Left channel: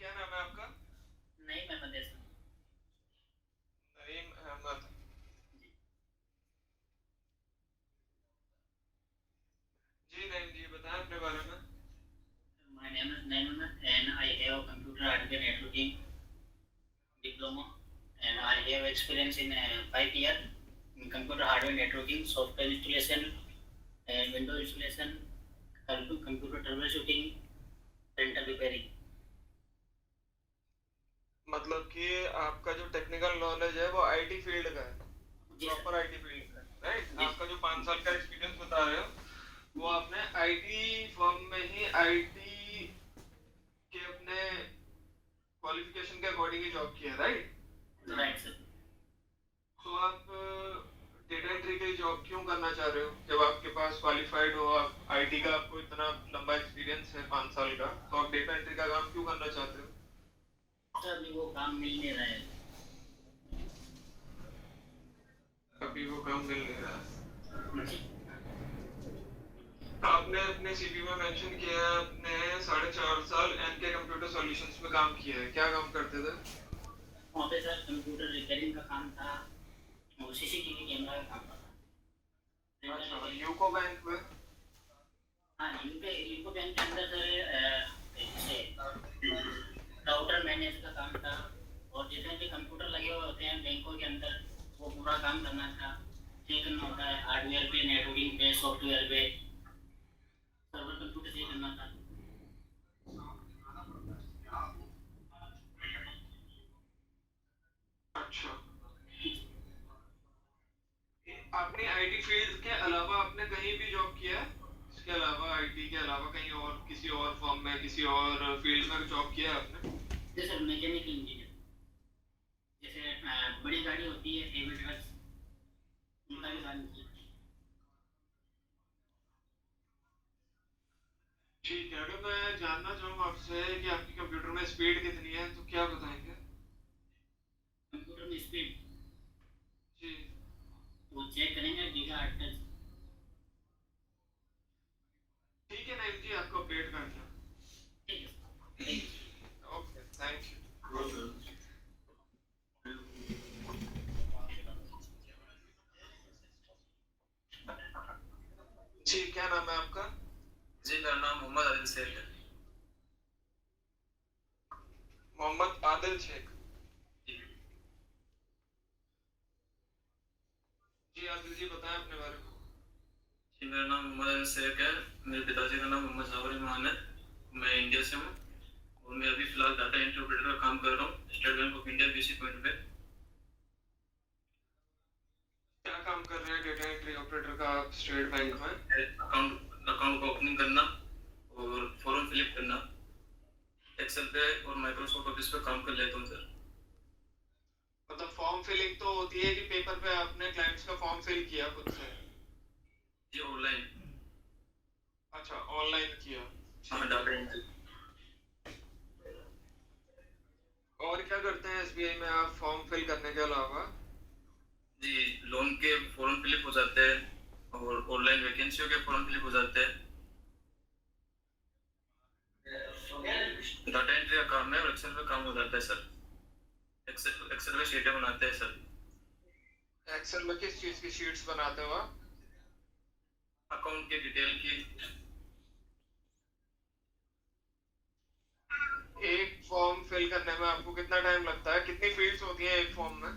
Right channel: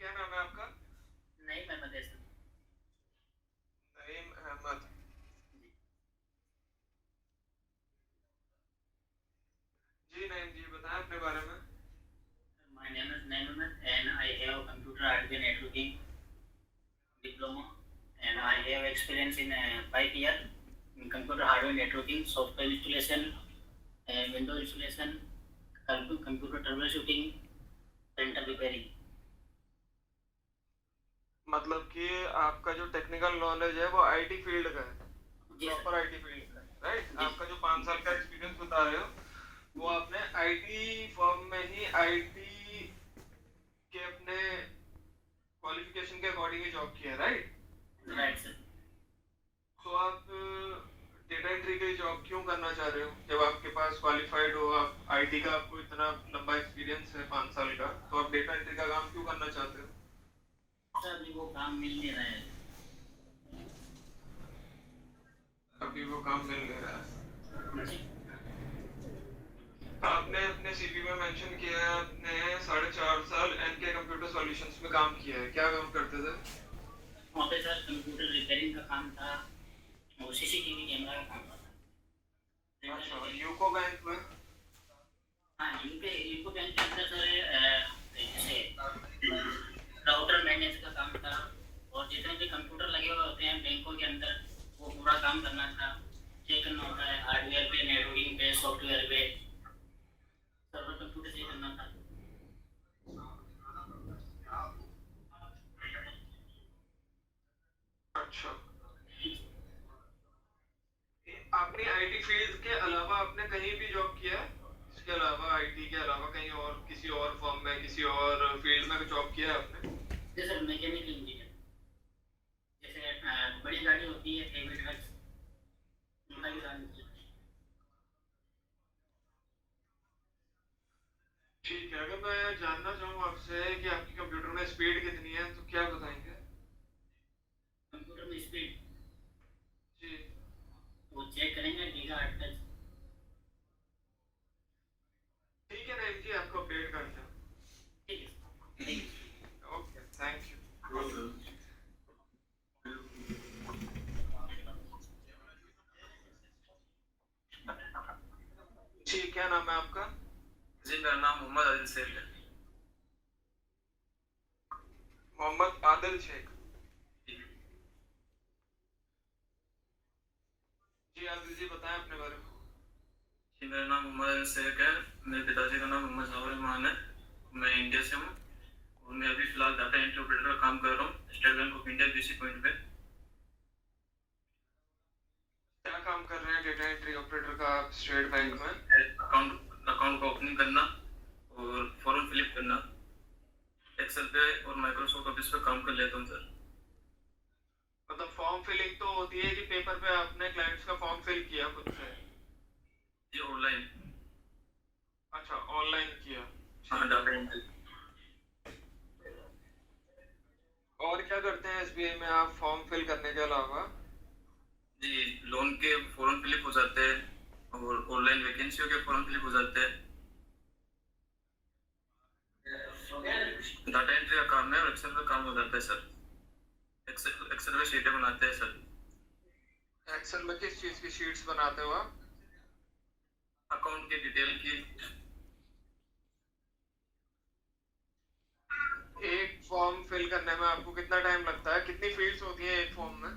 क्या नाम है आपका? नहीं, मैं मदेश हूँ। नईम अहमद। जी। जी नईम जी, बताएं अपने बारे में। My name is Naiman and I have computer hardware networking diploma and I have experience in 5 years in computer hardware networking, software installation and Windows installation, computer troubleshooting, printer repairing. मतलब कि आपका जो टेक्निकल नॉलेज है वो IT field का है, जी sir. Proper IT field का है, राइट? जी आपका जो 5 साल का एक्सपीरियंस बता रहे हो वो जी आपने आईटी फर्म में ही आईटी के अपने क्वालिफिकेशन के अकॉर्डिंग ही जॉब किया है, राइट? Right sir. तो आप डेटा एंट्री की जॉब क्यों करना चाह रहे हो जब आपके पास क्वालिफाइड हो, आप आईटी का आपको इतना लंबा एक्सपीरियंस है 5 साल का, तो आप डेटा एंट्री का काम क्यों करना चाहते हो? सर अभी वो काम मिल नहीं रहा है। अभी वो काम मिल नहीं रहा है। जी। आपने अपने सीवी में मेंशन किया है आपने 4.5 साल एनके कंप्यूटर सॉल्यूशंस में काम किया है, क्या काम करते थे? वहाँ पे सर कंप्यूटर रिपेयरिंग का काम था और सीसीटीवी कैमरा का काम था। अच्छा, यूको बैंक में? हाँ, यूके यूको बैंक के अंदर सर जैसे राउटर मैनेज का काम था और जितने भी कंप्यूटर लगे हुए होते हैं बैंकों के अंदर वो पूरा काम करना था। चेक करना होता है हार्डवेयर पे, नेटवर्किंग पे, सॉफ्टवेयर पे, सर्वर कंप्यूटर चेक करना था। अच्छा, आपने आईटी फील्ड के अलावा आपने कहीं भी जॉब किया है? इसके अलावा आईटी के अलावा कहीं और किसी और फर्म में किसी और फील्ड में जॉब किया है आपने? जैसे मैकेनिकल इंजीनियर, जैसे बड़ी गाड़ी होती है हेवी ट्रक्स, उनका भी काम किया। ठीक है, अगर मैं जानना चाहूँ आपसे कि आपकी कंप्यूटर में स्पीड कितनी है तो क्या बताएंगे? कंप्यूटर में स्पीड जी। वो चेक करेंगे गीगा हर्ट्ज। ठीक है नईम जी, आपको अपडेट करते हैं। ठीक है, thank you. Okay, thank you. जी, क्या नाम है आपका? जी मेरा नाम मोहम्मद आदिल शेख है। मोहम्मद आदिल शेख। जी। जी आदिल जी, बताएं अपने बारे में। जी मेरा नाम मोहम्मद आदिल शेख है। मेरे पिताजी का नाम मोहम्मद जावर रहमान है। मैं इंडिया से हूँ और मैं अभी फिलहाल डाटा एंट्री ऑपरेटर का काम कर रहा हूँ state bank of India BC point पे। क्या काम कर रहे हैं डेटा एंट्री ऑपरेटर का आप स्टेट बैंक में? अकाउंट अकाउंट का ओपनिंग करना और फॉर्म फिलअप करना, एक्सेल पे और माइक्रोसॉफ्ट ऑफिस पे काम कर लेता हूँ सर। मतलब फॉर्म फिलिंग तो होती है कि पेपर पे आपने क्लाइंट्स का फॉर्म फिल किया खुद से? जी ऑनलाइन। अच्छा, ऑनलाइन किया। हाँ ठीक डाटा है। एंट्री। और क्या करते हैं एसबीआई में आप फॉर्म फिल करने के अलावा? जी लोन के फॉर्म फिलअप हो जाते हैं और ऑनलाइन वैकेंसियों के फॉर्म फिलअप हो जाते हैं। डाटा एंट्री का काम है और एक्सेल पे काम हो जाता है सर। एक्सेल में शीटें बनाते हैं सर। एक्सेल में किस चीज की शीट्स बनाते हो आप? अकाउंट की डिटेल की। एक फॉर्म फिल करने में आपको कितना टाइम लगता है, कितनी फील्ड्स होती हैं एक फॉर्म में?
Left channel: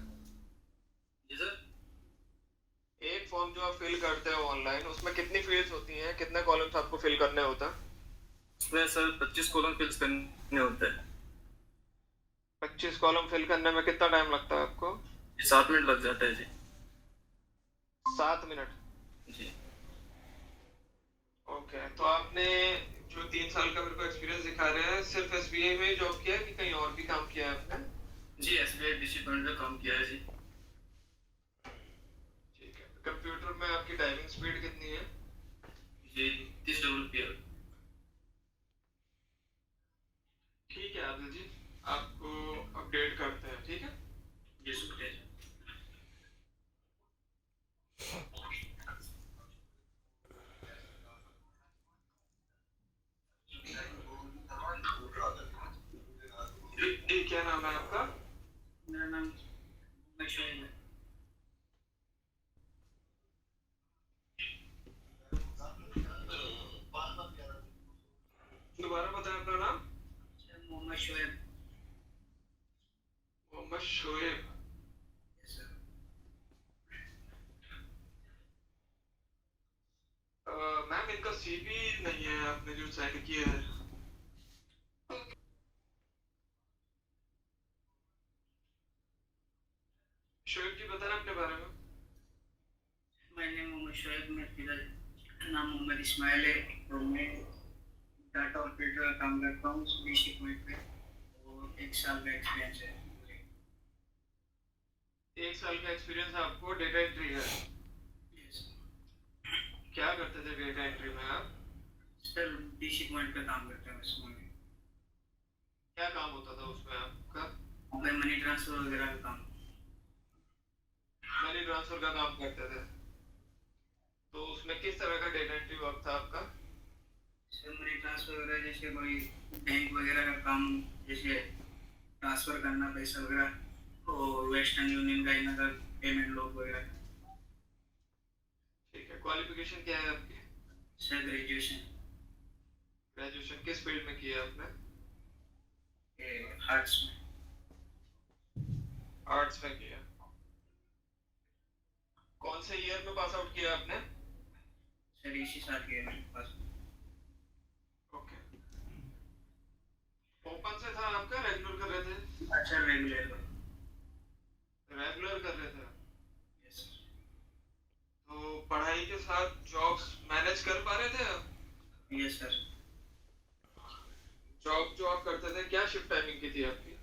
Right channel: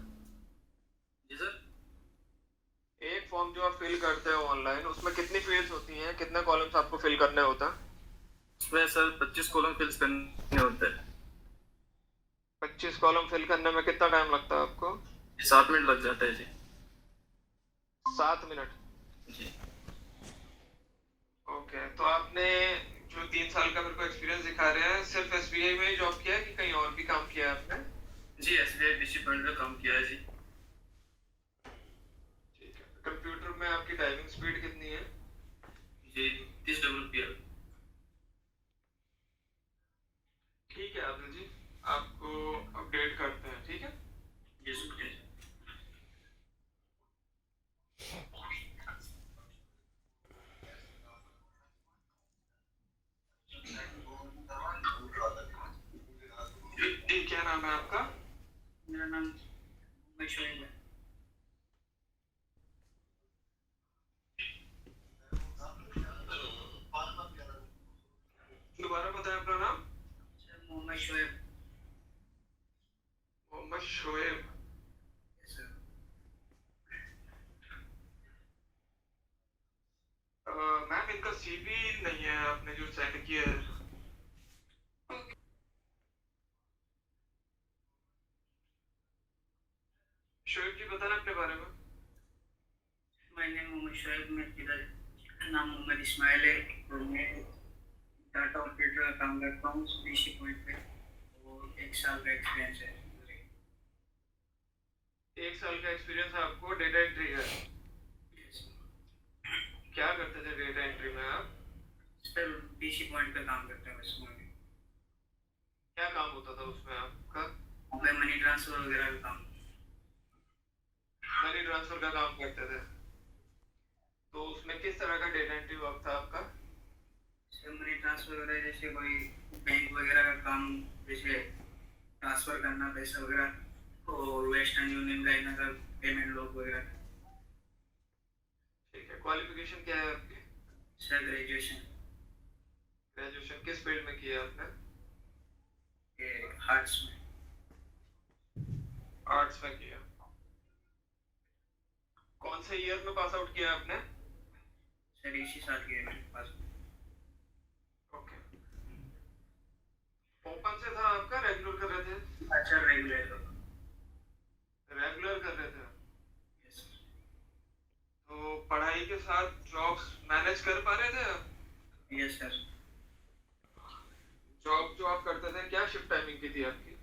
जी सर। एक फॉर्म जो आप फिल करते हो ऑनलाइन उसमें कितनी फील्ड्स होती हैं, कितने कॉलम्स आपको फिल करने होता है? इसमें सर 25 कॉलम फिल करने होते हैं। 25 कॉलम फिल करने में कितना टाइम लगता है आपको? 7 मिनट लग जाता है जी। 7 मिनट? जी। ओके, तो आपने जो 3 साल का मेरे को एक्सपीरियंस दिखा रहे हैं सिर्फ एसबीआई में ही जॉब किया है कि कहीं और भी काम किया है आपने? जी एसबीआई बीसी पॉइंट पे काम किया है जी। ठीक है, कंप्यूटर में आपकी टाइपिंग स्पीड कितनी है? जी 30 WPM। ठीक है आदिल जी, आपको अपडेट करते हैं, ठीक है? जी शुक्रिया। नाम है आपका? मेरा नाम मोहम्मद शोएब है। दोबारा बताएं अपना नाम। Sir Mohammad Shoaib. Mohammad Shoaib. Yes sir. Ma'am इनका सीवी नहीं है आपने जो सेंड किया है। शोएब जी बता रहे अपने बारे में। मैंने मोहम्मद शोएब, मेरे पिता नाम मोहम्मद इस्माइल है और मैं डाटा ऑपरेटर का काम करता हूँ बीसी पॉइंट पे और 1 साल का एक्सपीरियंस है। 1 साल का एक्सपीरियंस आपको डेटा एंट्री है। यस क्या करते थे डेटा एंट्री में आप? सर, बीसी पॉइंट पे काम करता हूँ इसमें। क्या काम होता था उसमें आपका? मैं मनी ट्रांसफर वगैरह का काम। मनी ट्रांसफर का काम करते थे। तो उसमें किस तरह का डेटा एंट्री वर्क था आपका? सर मनी ट्रांसफर वगैरह जैसे कोई बैंक वगैरह का काम, जैसे ट्रांसफर करना पैसा वगैरह और वेस्टर्न यूनियन का इनका का पेमेंट लॉग वगैरह। ठीक है, क्वालिफिकेशन क्या है आपकी? सर ग्रेजुएशन ग्रेजुएशन किस फील्ड में किया आपने? आर्ट्स में। आर्ट्स में किया। कौन से ईयर में पास आउट किया आपने? सर इसी साल के मेरे पास। ओके। ओपन से था आपका, रेगुलर कर रहे थे? अच्छा रेगुलर का। रेगुलर कर रहे थे। Yes sir. तो पढ़ाई के साथ जॉब्स मैनेज कर पा रहे थे आप? Yes sir. जॉब जो आप करते थे क्या शिफ्ट टाइमिंग की थी आपकी?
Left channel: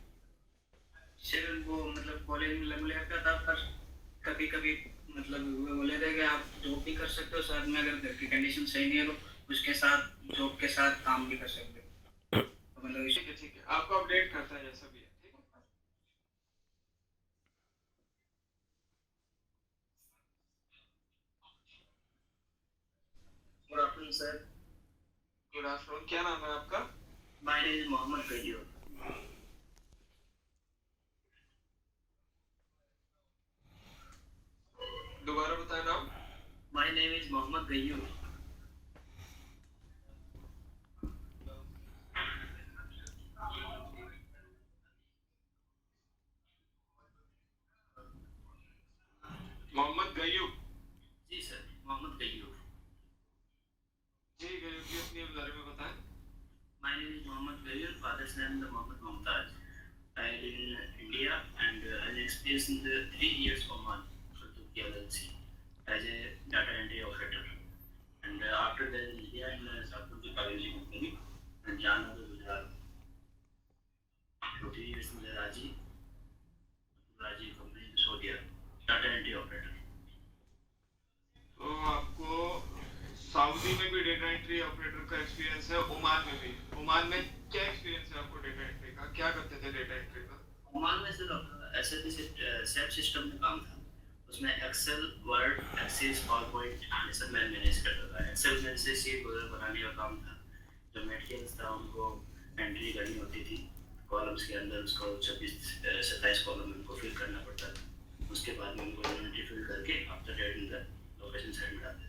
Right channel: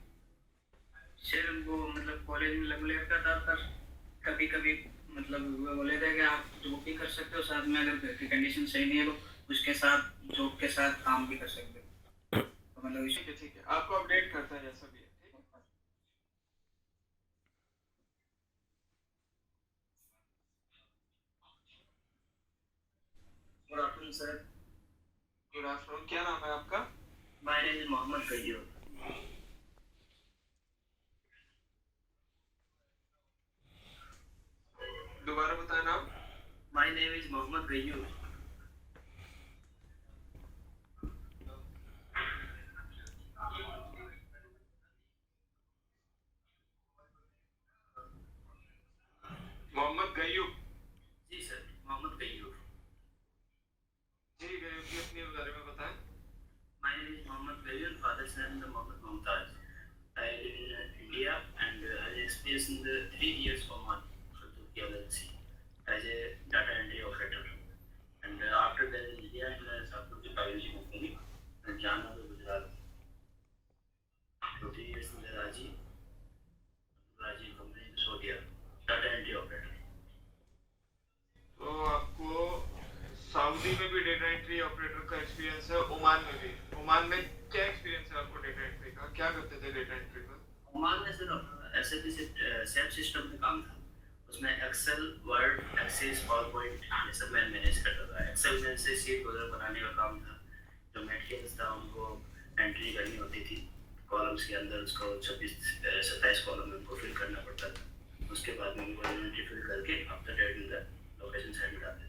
सर वो मतलब कॉलेज में लग लेता था, पर कभी कभी मतलब वो बोले थे कि आप जॉब भी कर सकते हो साथ में, अगर घर की कंडीशन सही नहीं है तो उसके साथ जॉब के साथ काम भी कर सकते हो। तो मतलब ठीक है ठीक है, आपको अपडेट करता है जैसा भी है। ठीक है। Good afternoon sir. Good afternoon, क्या नाम है आपका? My name is Mohammad Ghayur. दोबारा बताएं नाम। My name is Mohammad Ghayur. Mohammad Ghayub. जी सर, मोहम्मद गयूर। जी गयूब जी, अपने बारे में बताएं। My name is Mohammed Gayur, father's name is Mohammed Mumtaz. I live in India and I experienced 3 years for month for Turkey LLC as a data entry operator. And after that in India in South Africa company and Jana Gujarat. For 3 years in the Raji company in Saudi data entry operator. तो आपको Saudi में भी data entry operator का experience है, Oman में भी। Oman में क्या एक्सपीरियंस है आपको डेटा एंट्री का? क्या करते थे डेटा एंट्री में? ओमान में सिर्फ एसएपी सेल्फ सिस्टम में काम था। उसमें एक्सेल, वर्ड, एक्सेस, पावरपॉइंट ये सब मैं मैनेज करता था। एक्सेल में से शीट वगैरह बनाने का काम था। जो मटेरियल्स था उनको एंट्री करनी होती थी कॉलम्स के अंदर, उसको 26-27 कॉलम में फिल करना पड़ता था। उसके बाद में उनको इन्वेंटरी फिल करके after date in the location side में डालते थे।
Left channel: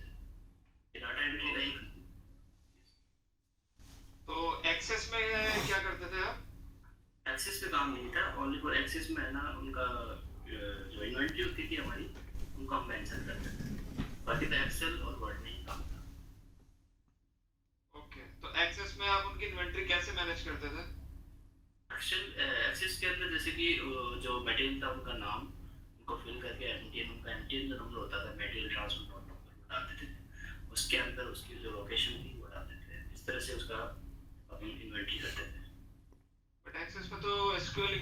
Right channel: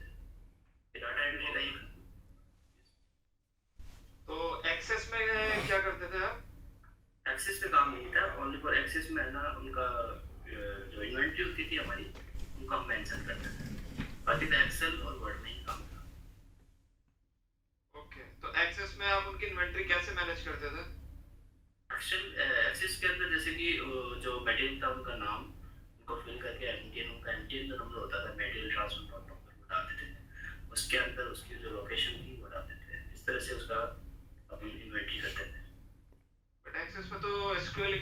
डाटा एंट्री का एक। तो एक्सेस में क्या करते थे आप? एक्सेस पे काम नहीं था, ओनली फॉर एक्सेस में है ना उनका जो इन्वेंटरी होती थी हमारी उनको हम मेंशन करते थे। बाकी तो एक्सेल और वर्ड में ही काम था। ओके, तो एक्सेस में आप उनकी इन्वेंटरी कैसे मैनेज करते थे? एक्सेस के अंदर जैसे कि जो मटेरियल था उनका नाम उनको फिल करके एमटीएन जो नंबर होता था मटेरियल ट्रांसफर नंबर डालते थे। उसके अंदर उसकी जो लोकेशन थी वो डालते थे। इस तरह से उसका अपन इन्वेंटरी करते थे। बट एक्सेस में तो एसक्यूएल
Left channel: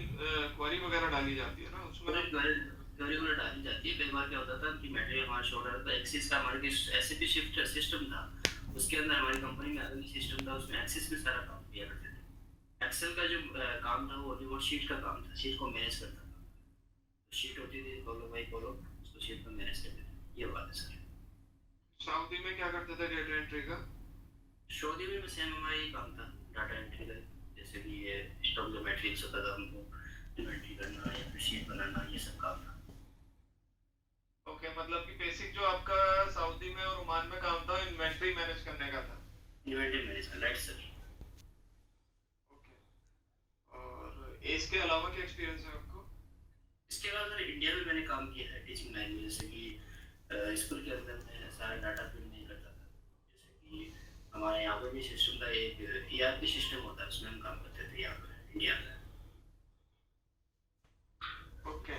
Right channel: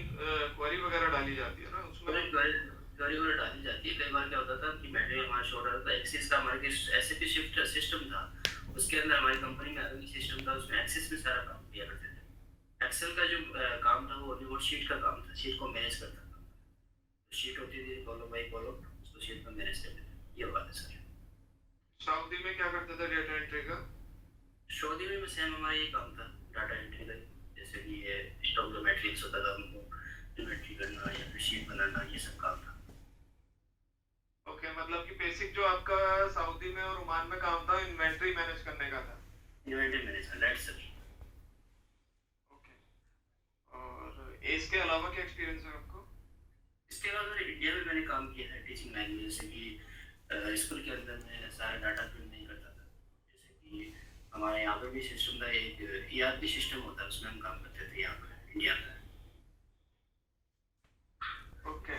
क्वेरी वगैरह डाली जाती है ना उसमें? क्वेरी वगैरह डाली जाती है। कई बार क्या होता था कि मटेरियल हमारा शॉर्ट हो रहा था, एक्सेस का हमारे एसएपी शिफ्ट सिस्टम था, उसके अंदर हमारी कंपनी में अलग सिस्टम था, उसमें एक्सेस में सारा काम किया करते थे। एक्सेल का जो काम था वो शीट का काम था, शीट को मैनेज करता था। शीट होती थी कॉलम बाई कॉलम, उसको शीट में मैनेज करते थे। ये बात है सर। सऊदी में क्या करते थे डेटा एंट्री का? सऊदी में सेम हमारा ये काम था डाटा एंट्री का। जैसे कि ये स्टॉक जो मैट्रिक्स होता था उनको इन्वेंट्री करना या फिर शीट बनाना, ये सब काम था। ओके, मतलब कि बेसिक जो आपका सऊदी में और ओमान में काम था इन्वेंट्री मैनेज करने का था। Inventory management, right sir. Okay, और इसके अलावा क्या एक्सपीरियंस है आपको? इसके अलावा सर इंडिया में मैंने काम किया है टीचिंग लाइन में, जैसे कि स्कूल के अंदर मैं सारा डाटा फिल नहीं करता था। जैसे कि हमारे यहाँ पे भी सिस्टम था, एक ERP सिस्टम होता है, उसमें हम काम करते थे यहाँ पर इंडिया में। ओके,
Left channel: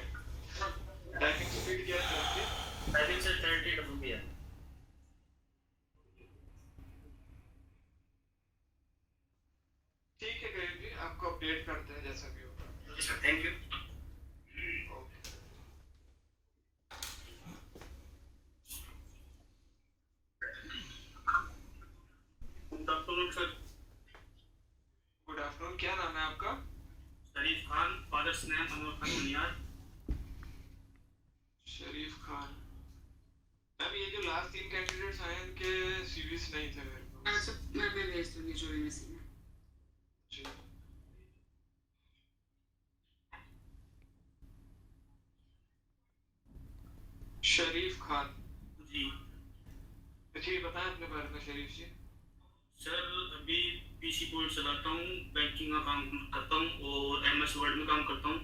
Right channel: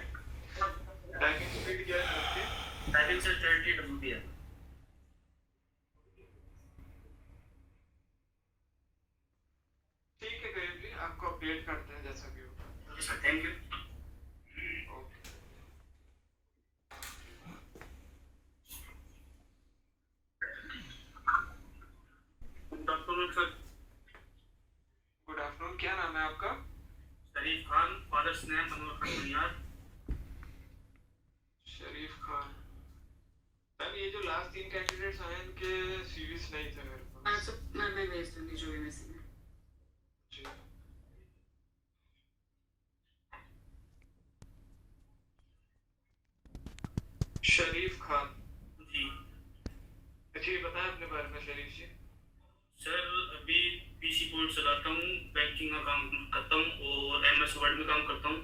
टाइपिंग स्पीड क्या है आपकी? टाइपिंग सर 30 WP है। ठीक है करीब जी, आपको अपडेट करते हैं जैसा भी होगा। जी sir, thank you. Okay, good afternoon sir. Good afternoon, क्या नाम है आपका? शरीफ खान, फादर्स नेम अनवर खान बुनियाद। शरीफ खान। मैम ये जो लास्ट 3 कैंडिडेट्स आए इनके सीवीज नहीं थे मेरे पास। मैं भेज दूंगी जो भी मिसिंग है। जी, शरीफ खान जी जी, बताएं अपने बारे में शरीफ जी। सर, अभी पीसी पोर्ट चलाता हूँ, बैंकिंग का काम करता हूँ और MS वर्ड में काम करता हूँ।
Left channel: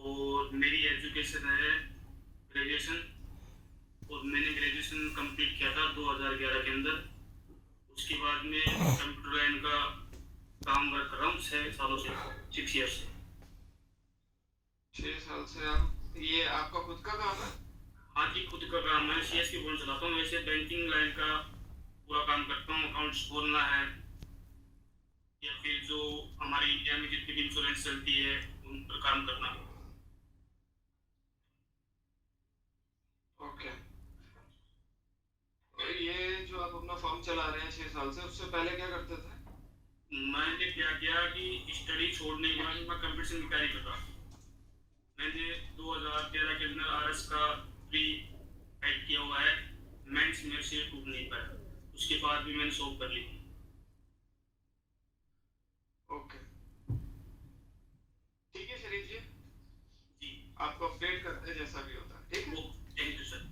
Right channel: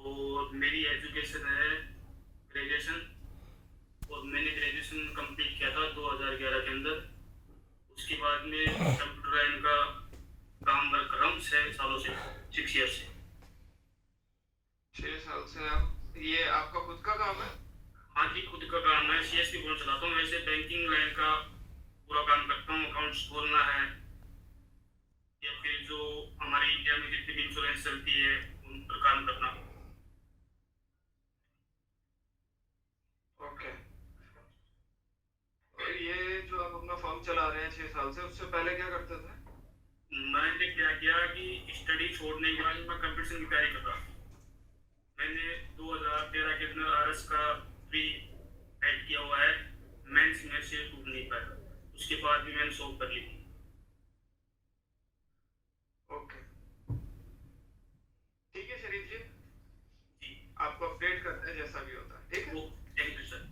और मेरी एजुकेशन है ग्रेजुएशन, और मैंने ग्रेजुएशन कंप्लीट किया था 2011 के अंदर। उसके बाद में कंप्यूटर लाइन का काम वर्क कर रहा हूँ 6 सालों से, 6 ईयर से। 6 साल से आप, ये आपका खुद का काम है? हाँ जी, खुद का काम है, CSP फोन चलाता हूँ। वैसे बैंकिंग लाइन का पूरा काम करता हूँ, अकाउंट्स खोलना है या फिर जो हमारे इंडिया में जितनी भी इंश्योरेंस चलती है उन पर काम करना। ओके, और ये जो आप अपना फर्म चला रहे हैं 6 साल से, उससे पहले क्या करते थे? मैंने क्या किया कि स्टडी छोड़ने के बाद मैं कंपटीशन की तैयारी कर रहा। मैंने 2013 के अंदर RS का प्री ऐड किया हुआ है, मेंस में से टूट नहीं पाया, उसके बाद भी मैंने सॉल्व कर ली थी। ओके, ठीक है शरीफ जी, जी, आपको अपडेट करते हैं जैसा भी होता है, ठीक है? वो thank you sir.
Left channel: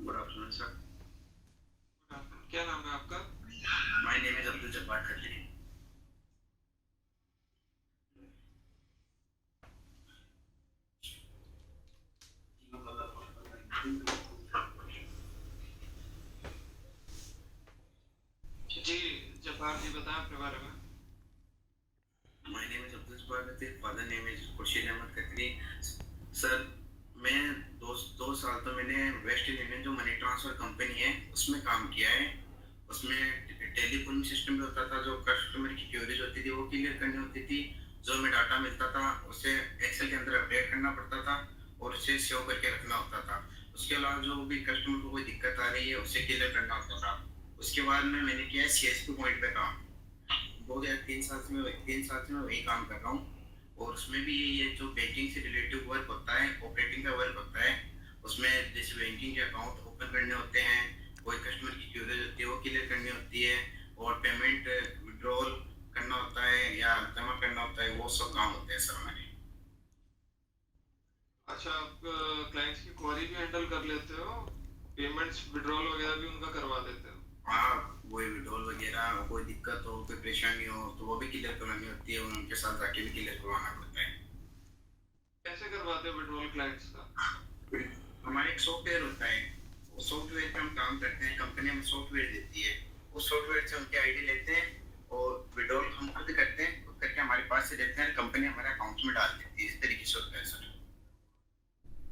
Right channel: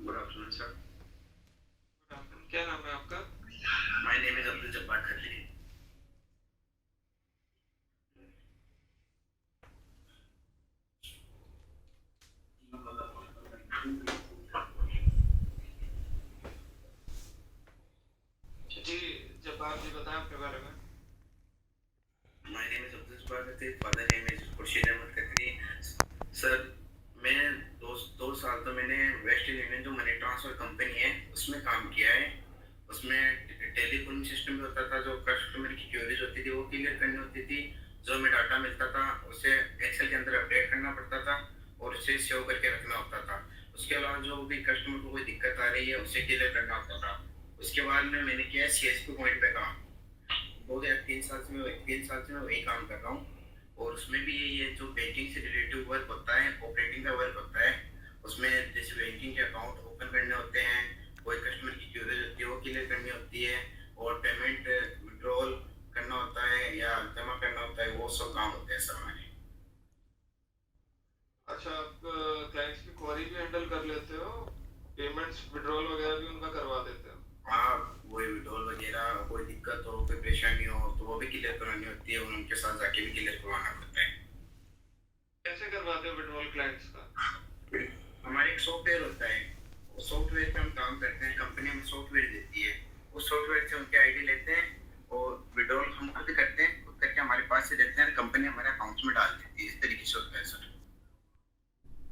Good afternoon, sir. Good afternoon, क्या नाम है आपका? My name is Abdul Jabbar Khatri. जी, जब्बार जी बताएं अपने बारे में। My name is Abdul Jabbar Khatri. Father name is Khurshid Ahmed Khatri. Sir, मैं दो साल तो मैंने वेस्टर्न यूनियन जो मनी ट्रांसफर कंपनी है उसमें काम किया है। उसमें टेलीफोन सिस्टम होता था, जो कस्टमर की क्वेरीज होती थी वो क्लियर करनी होती थी। जो हमें डाटा मिलता था उसे एक्सेल के अंदर अपडेट करना पड़ता था और उसे सेव करके रखना होता था। उसके अलावा जो भी कस्टमर को कोई दिक्कत आ रही है उसे क्लियर करना होता था। उसके बाद में मैंने किया CSP पॉइंट पे काम। 2003 साल से मैं वही काम कर रहा हूँ। और उसमें भी ये जो बैंकिंग से रिलेटिव वर्क होता है, ऑपरेटिंग का वर्क होता है, उसमें जैसे बैंकिंग के अकाउंट ओपन करने होते हैं, कोई कस्टमर की क्वेरी होती है वो क्लियर करनी होती है, और पेमेंट विड्रॉल करना होता है या जमा करना होता है, वो सब काम होते हैं सर हमारे। अच्छा, आप क्लाइंट्स की क्वेरी भी हैंडल कर लेते हो, पेमेंट्स विड्रॉल वगैरह भी उनका करवा देते हो? हाँ, वही विड्रॉल वगैरह, कोई दिक्कत हो, कोई परेशानी हो तो वो भी क्लियर करवानी होती है और उनके साथ जाके भी क्लियर करवाना पड़ता है। कैसे करवाते हो विड्रॉल क्लाइंट्स का? हमारे एक सॉफ्टवेयर होता है, उस सॉफ्टवेयर पे हम काम करते हैं, कंपनी हमें सॉफ्टवेयर देती है, उस सॉफ्टवेयर से उनके ID लेते हैं और विड्रॉल हम खुद करते हैं, खुद करके हमारे पास से देते हैं, कंपनी हमारे अकाउंट में डाल देती है। इस तरीके से होता है सर।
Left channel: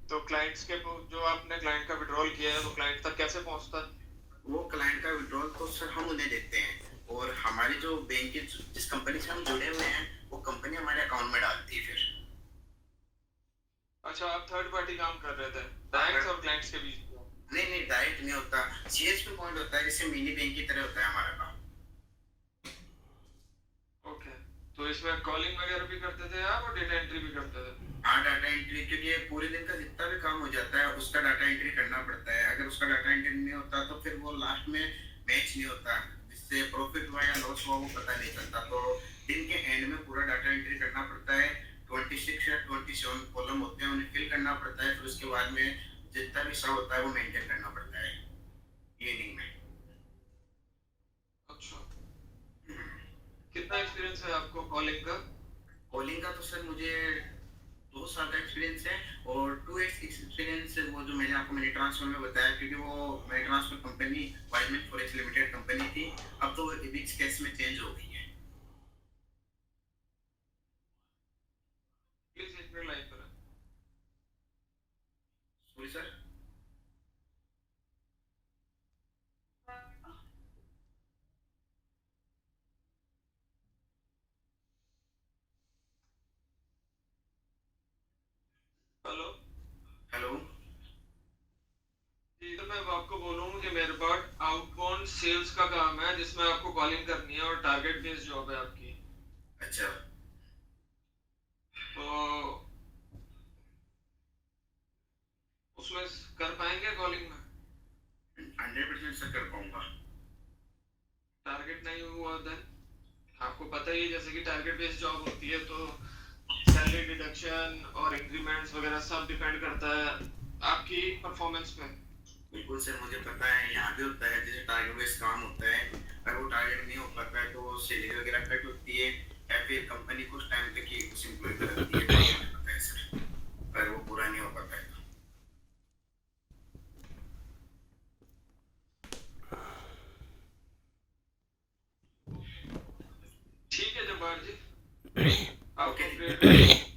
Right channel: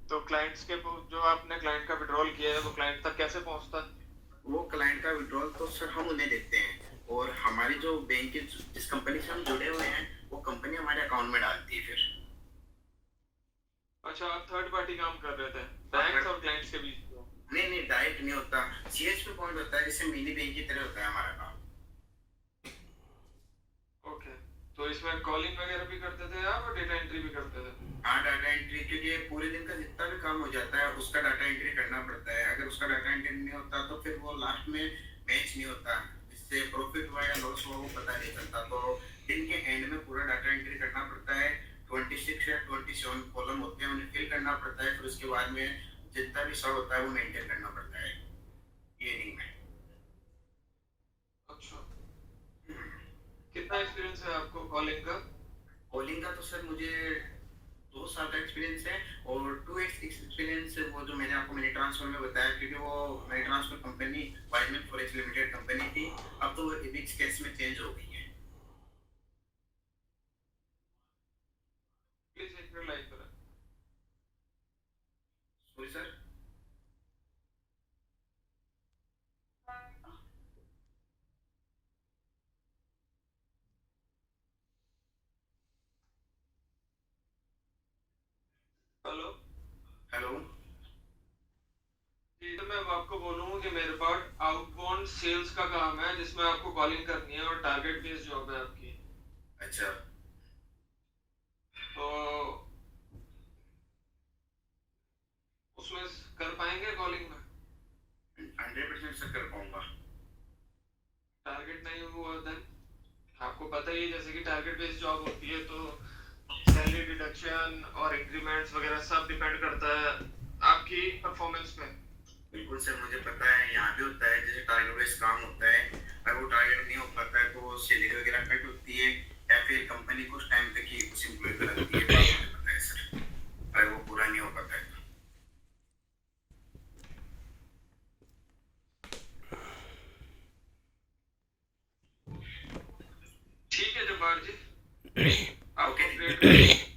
तो क्लाइंट्स के जो आपने क्लाइंट का विड्रॉल किया है वो क्लाइंट तक कैसे पहुंचता है? वो क्लाइंट का विड्रॉल तो सर हम उन्हें देते हैं और हमारी जो बैंक जिस कंपनी से हम जुड़े हुए हैं वो कंपनी हमारे अकाउंट में डालती है फिर। अच्छा, आप थर्ड पार्टी काम कर रहे थे बैंक्स और क्लाइंट्स के बीच में? नहीं, डायरेक्ट नहीं होता, CSP पॉइंट होता है, जैसे मिनी बैंक की तरह होता है हमारा काम। ओके, तो इसमें कॉलिंग वगैरह भी करते थे आप और डेटा एंट्री भी करते थे? हाँ, डाटा एंट्री, क्योंकि पूरे दिन का जितना भी काम हो जाता है उसका डाटा एंट्री करना पड़ता है। अगर उसका डाटा एंट्री नहीं होता तो फिर वो लास्ट में मैच नहीं होता, जिससे प्रॉफिट हुआ या लॉस हुआ वो पता नहीं चलता। तो दिन के एंड में पूरा डाटा एंट्री करना पड़ता है। 26 या 27 कॉलम होते हैं, उन्हें फिल करना पड़ता है। फिर उसके बाद में जितना भी सब होता है वो मेंटेन करना पड़ता है इवनिंग में। अच्छा, कितना एक्सपीरियंस है आपको कॉलिंग का? कॉलिंग का तो सर मुझे 2 साल का एक्सपीरियंस है, और 2x एक्सपीरियंस वो जो मैंने आपको मनी ट्रांसफर में बताया, क्योंकि वो money transfer company Wiseman forex limited company थी, अब तो इबिक्स कैश में चेंज हो गई है। प्लीज एक मिनट लाइन पर। Sorry sir. Hello hello. जी, तो मैं अब आपको बोलूँ कि मेरे पास आउटबाउंड सेल्स का काम है जिसमें आपको कॉलिंग करनी है और टारगेट बेस्ड जॉब है आपकी। अच्छा। तो उसमें कर पाएंगे कॉलिंग में? 100% सर कर पाऊंगा। टारगेट नहीं हुआ देन आपको पता ही है, जैसे कि टारगेट बेस्ड जॉब होती है तो सैलरी डिडक्शन और इंक्रीमेंट्स वगैरह सब डिपेंड करता है आपकी परफॉर्मेंस पे। बिल्कुल सर, मुझे पता है यहाँ भी होता है, जैसे टारगेट बेस्ड काम होता है, अगर वो टारगेट नहीं हो पाता है तो सैलरी वगैरह कट होती है, या फिर कंपनी कुछ टाइम तक ही उस एम्प्लॉय को रखती है। तो मुझे पता है सर, अगर वो पूरा नहीं हो पाता है तो। ठीक है जब्बार जी, आपको अपडेट